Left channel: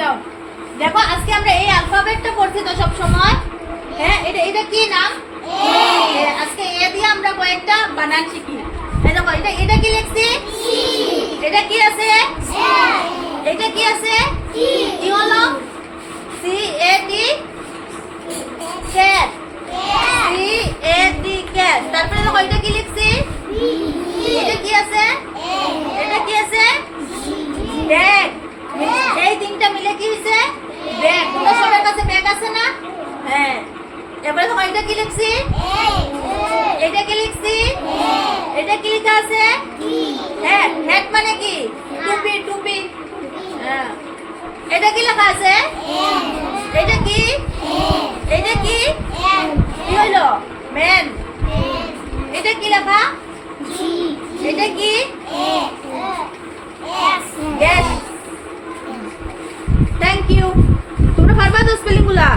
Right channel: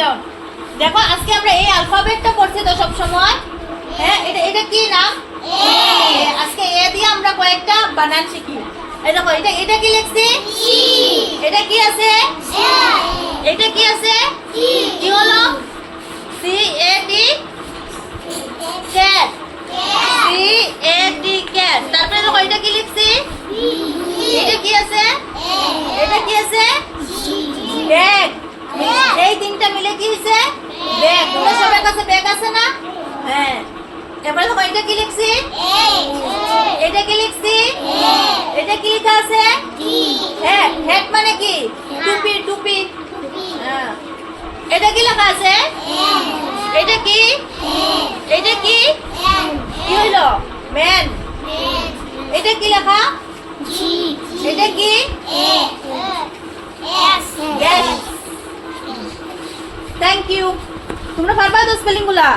যাও। দেখো আজকে আমরা এই অ্যালফাবেটটা পড়ছি তো সব সময় হ্যাঁ এটা এটা কি নাম? আজকে এ দিয়ে আমরা কয়েকটা বানান শিখি। এই দেখো এটা এটা কি লিখছি? এটা কি আছে এটা কি আছে কি হলো C A D cat C A D cat তারপরে দেখো এটা কি লিখছি এটা কি আছে এটা কি আছে ব্যাগ এই তিনটা মিলে কি হয়েছে ব্যাগ তোমরা সবার কাছে ব্যাগ আছে না হ্যাঁ এবারে দেখো এটা কি লিখছি? এটা কি লিখছি? এটা কি লেখা আছে? হ্যাঁ হ্যাট মানে কি? টুপি টুপি। এটা কি লেখা আছে? এটা কি? এটা কি? কি হলো ম্যান। এটা কি লেখা? এটা কি? থ্যাংক ইউ তোমরা পারবা তো স্পেলিংগুলা?